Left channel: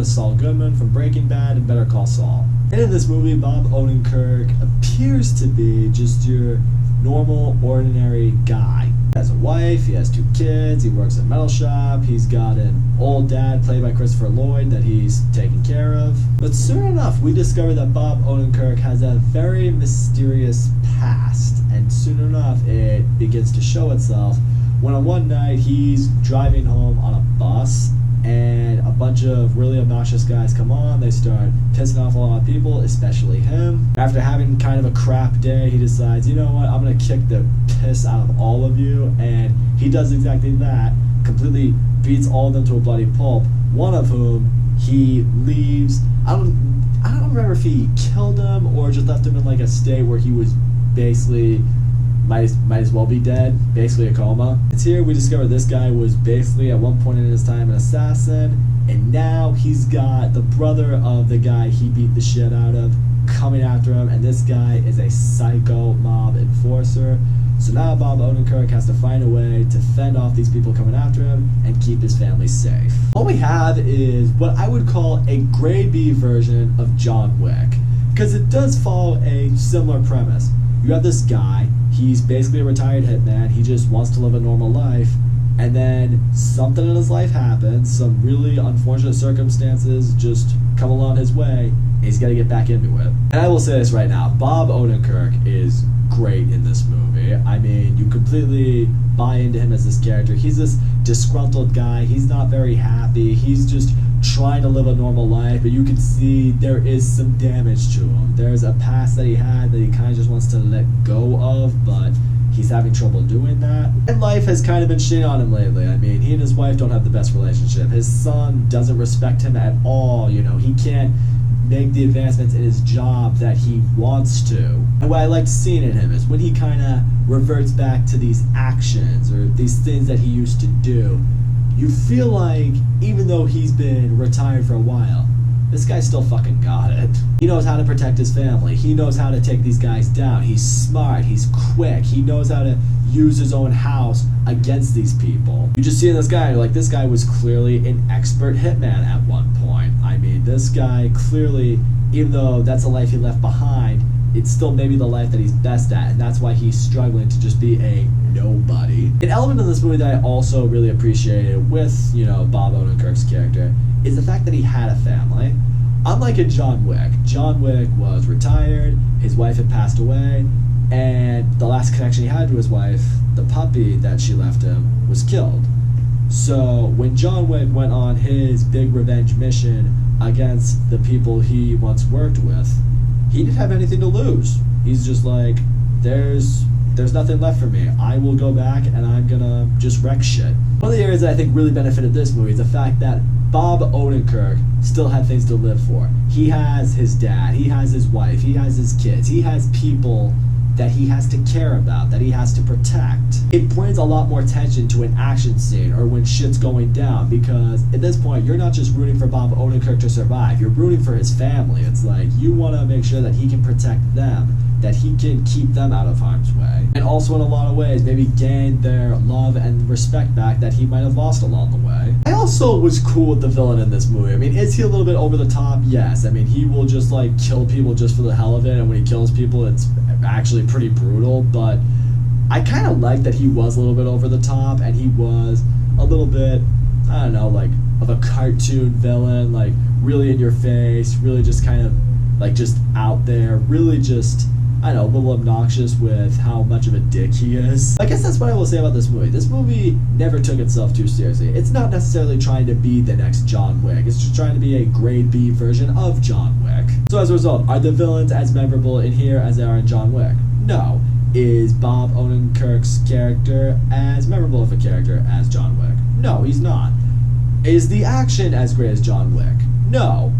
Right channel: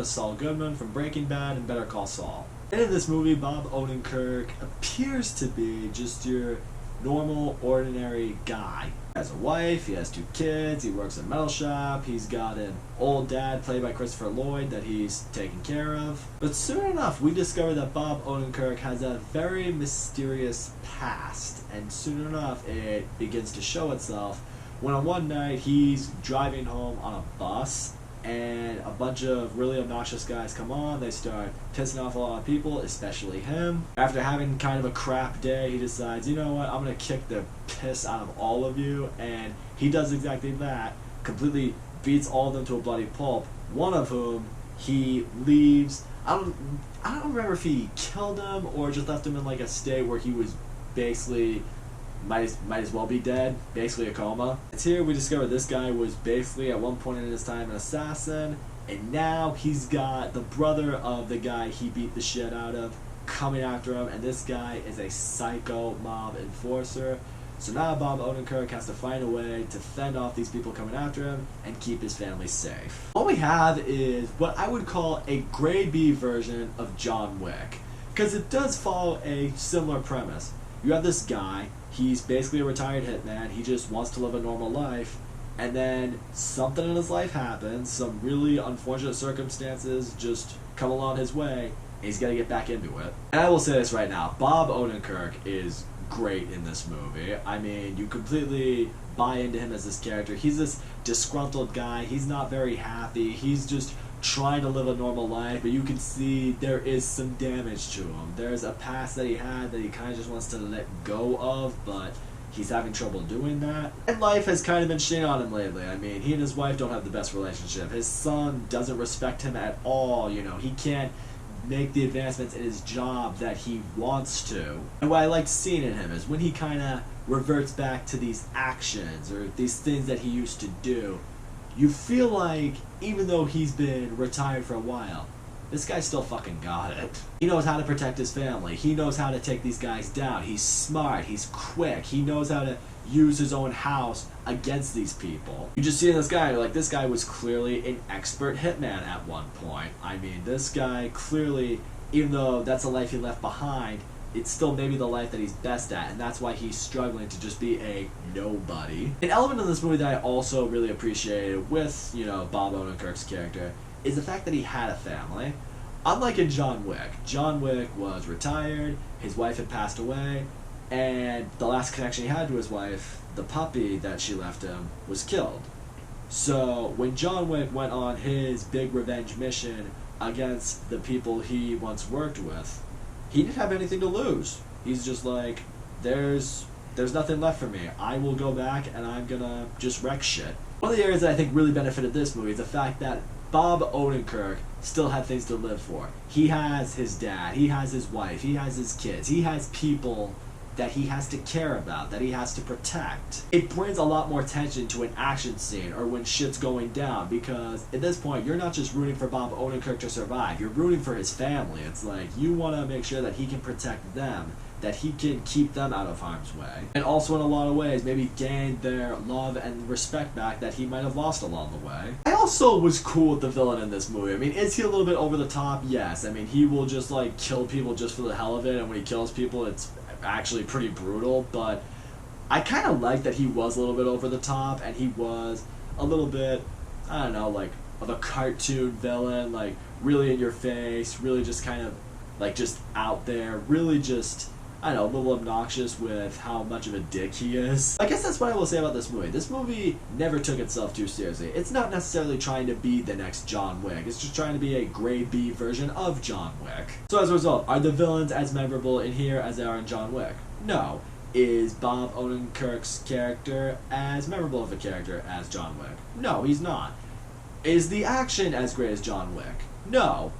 as Saul Goodman from Breaking Bad and Better Call Saul. And in this movie, Bob Odenkirk appears to be just your normal, ordinary guy. He has a wife, he has 2 kids, he works at a metal shop, he's got an old dad played by Christopher Lloyd that he's taking care of. But soon enough, we discover that Bob Odenkirk has a very mysterious past, and soon enough, it begins to show itself when on one night he's driving home on a bus, and a bunch of really obnoxious guys come on. They start pissing off a lot of people, especially him. After having kind of a crap day, he decides, you know what, I'm gonna kick the piss out of all of you, and he does exactly that, completely beats all of them to a bloody pulp, one of whom he leaves. I don't remember if he killed him or just left him in like a state where he was basically might as well be dead, basically a coma. It's here we discover this guy was basically at one point in his time an assassin, and now he's got the brother of the guy he beat the shit out of coming after him, and this guy is a psycho mob enforcer. So now Bob Odenkirk has to find a way to fend off these people coming after him and keep his family safe. What we have is what I would call a grade B version of John Wick, because it does follow a similar premise. You have this guy, he's basically a retired hitman, he just wants to live a normal life, and then something in his life happens, some really unfortunate circumstances just come along his way, and he's got to get back into it. And I will say this right now, Bob Odenkirk is great in this movie. I mean, you completely buy into him as this character. He's this disgruntled guy, he's not very happy, he's just trying to live a normal life, but you can see there is some damage to him. There's a past that he had that he kind of just wants to let go of, but he's having trouble doing that. And life has kind of been shitting on him lately. I mean, he and his wife don't have the best relationship. His son doesn't respect him at all, you know, he can't make the advancements in his job that he wants to. And what I liked seeing in him is when he kind of reverts back to these actions or these things that he used to do, you feel like, even though he's been retired for a while, this guy still fucking got it. He knows how to protect his family. He knows how to take these guys down. He's smart. He's quick. He knows how to use his own house against these people. You just see in this guy, like, this guy was clearly an expert hitman at one point. I mean, this guy clearly, even though that's a life he left behind, it's still maybe the life that he's best at, and that's why he's struggling to just be a nobody. An element of this movie that I also really appreciated with, you know, Bob Odenkirk's character is the fact that he had a family. Unlike in John Wick was retired, his wife had passed away, and the last connection he had to his wife, the puppy that she left him, was killed. So when John Wick went on his big revenge mission against the people he once worked with, he didn't have anything to lose. He's just like, there's nothing left for me. I will go back and I'm gonna just wreck shit. One of the areas that I think really benefited this movie is the fact that Bob Odenkirk still had things to live for. He has his dad, he has his wife, he has his kids, he has people that he has to care about, that he has to protect. It brings a lot more tension to an action scene or when shit's going down, because at this point you're not just rooting for Bob Odenkirk to survive, you're rooting for his family. It's like you want to make sure that he can protect them, that he can keep them out of harm's way, and also in a lot of ways maybe gain their love and respect back that he might have lost along the way. I also was cool with the villain in this movie. I mean, is he a little bit over the top? Yes. I mean, he will just like kill people just for the hell of it, and when he kills people it's actually pretty brutal, but I kind of like that he was a little bit over the top, and he was a little bit, I don't know, like of a cartoon villain, like really in your face, really just kind of like just out there, really just, I don't know, a little obnoxious with how much of a dick he is. I guess that's what I will say about this movie. This movie never took itself too seriously. It's not necessarily trying to be the next John Wick. It's just trying to be a grade B version of John Wick. So as a result, are the villains as memorable in here as they are in John Wick? No. Is Bob Odenkirk's character as memorable of a character as John Wick? No, he's not. Is the action as great as John Wick? No.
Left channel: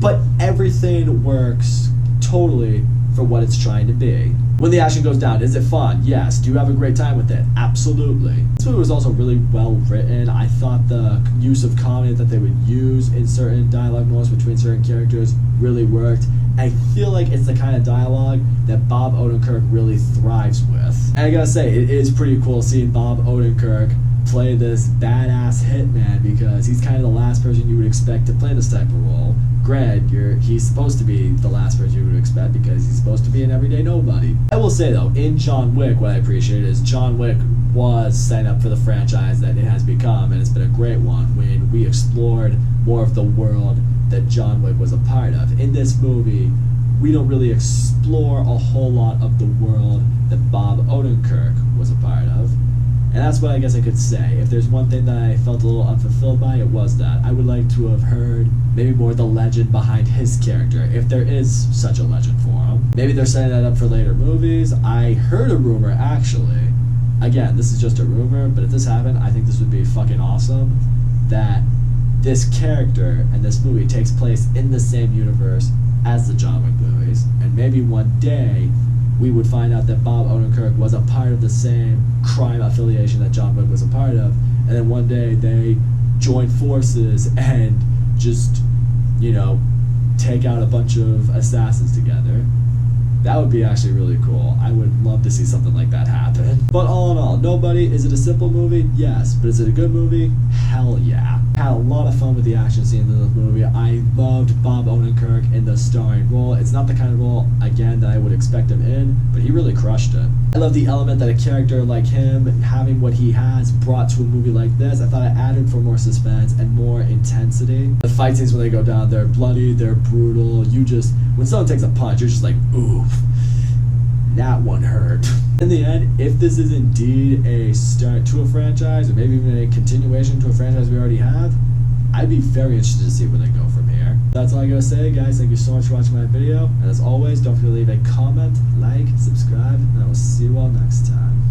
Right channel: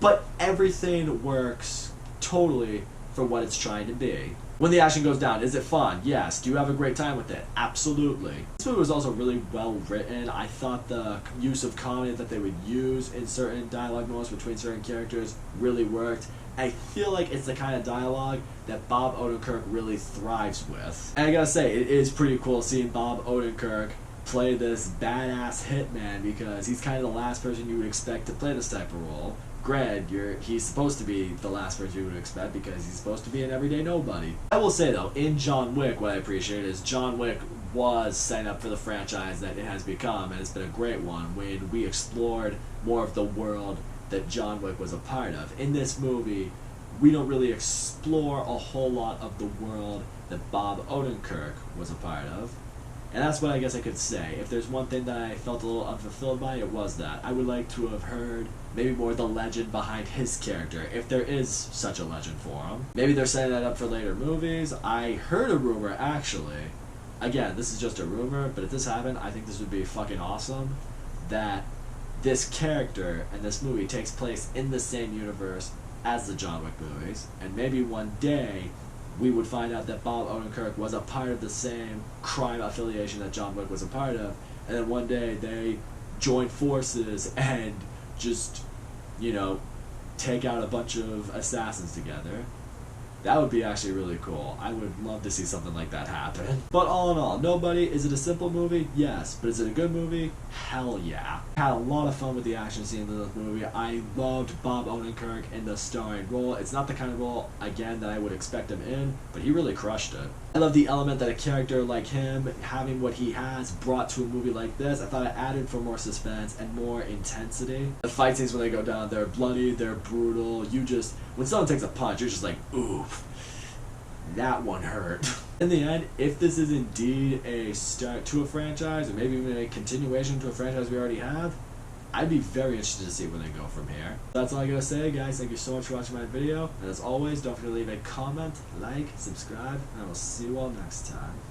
But everything works totally for what it's trying to be. When the action goes down, is it fun? Yes. Do you have a great time with it? Absolutely. This movie was also really well written. I thought the use of comedy that they would use in certain dialogue moments between certain characters really worked. I feel like it's the kind of dialogue that Bob Odenkirk really thrives with. And I gotta say, it is pretty cool seeing Bob Odenkirk play this badass hitman because he's kind of the last person you would expect to play this type of role. Granted, he's supposed to be the last person you would expect because he's supposed to be an everyday nobody. I will say though, in John Wick, what I appreciate is John Wick was setting up for the franchise that it has become, and it's been a great one when we explored more of the world that John Wick was a part of. In this movie, we don't really explore a whole lot of the world that Bob Odenkirk was a part of. And that's what I guess I could say. If there's one thing that I felt a little unfulfilled by, it was that. I would like to have heard maybe more of the legend behind his character, if there is such a legend for him. Maybe they're setting that up for later movies. I heard a rumor, actually. Again, this is just a rumor, but if this happened, I think this would be fucking awesome. That this character and this movie takes place in the same universe as the John Wick movies. And maybe one day we would find out that Bob Odenkirk was a part of the same crime affiliation that John Wick was a part of, and then one day they join forces and just, you know, take out a bunch of assassins together. That would be actually really cool. I would love to see something like that happen. But all in all, Nobody, is it a simple movie? Yes. But is it a good movie? Hell yeah. Had a lot of fun with the action scenes in this movie. I loved Bob Odenkirk in the starring role. It's not the kind of role, again, that I would expect him in, but he really crushed it. I love the element that a character like him, having what he has, brought to a movie like this. I thought it added for more suspense and more intensity. The fight scenes when they go down, they're bloody, they're brutal. When someone takes a punch, you're just like, oof, that one hurt. In the end, if this is indeed a start to a franchise, or maybe even a continuation to a franchise we already have, I'd be very interested to see where they go from here. That's all I gotta say, guys. Thank you so much for watching my video. And as always, don't forget to leave a comment, like, subscribe, and I will see you all next time.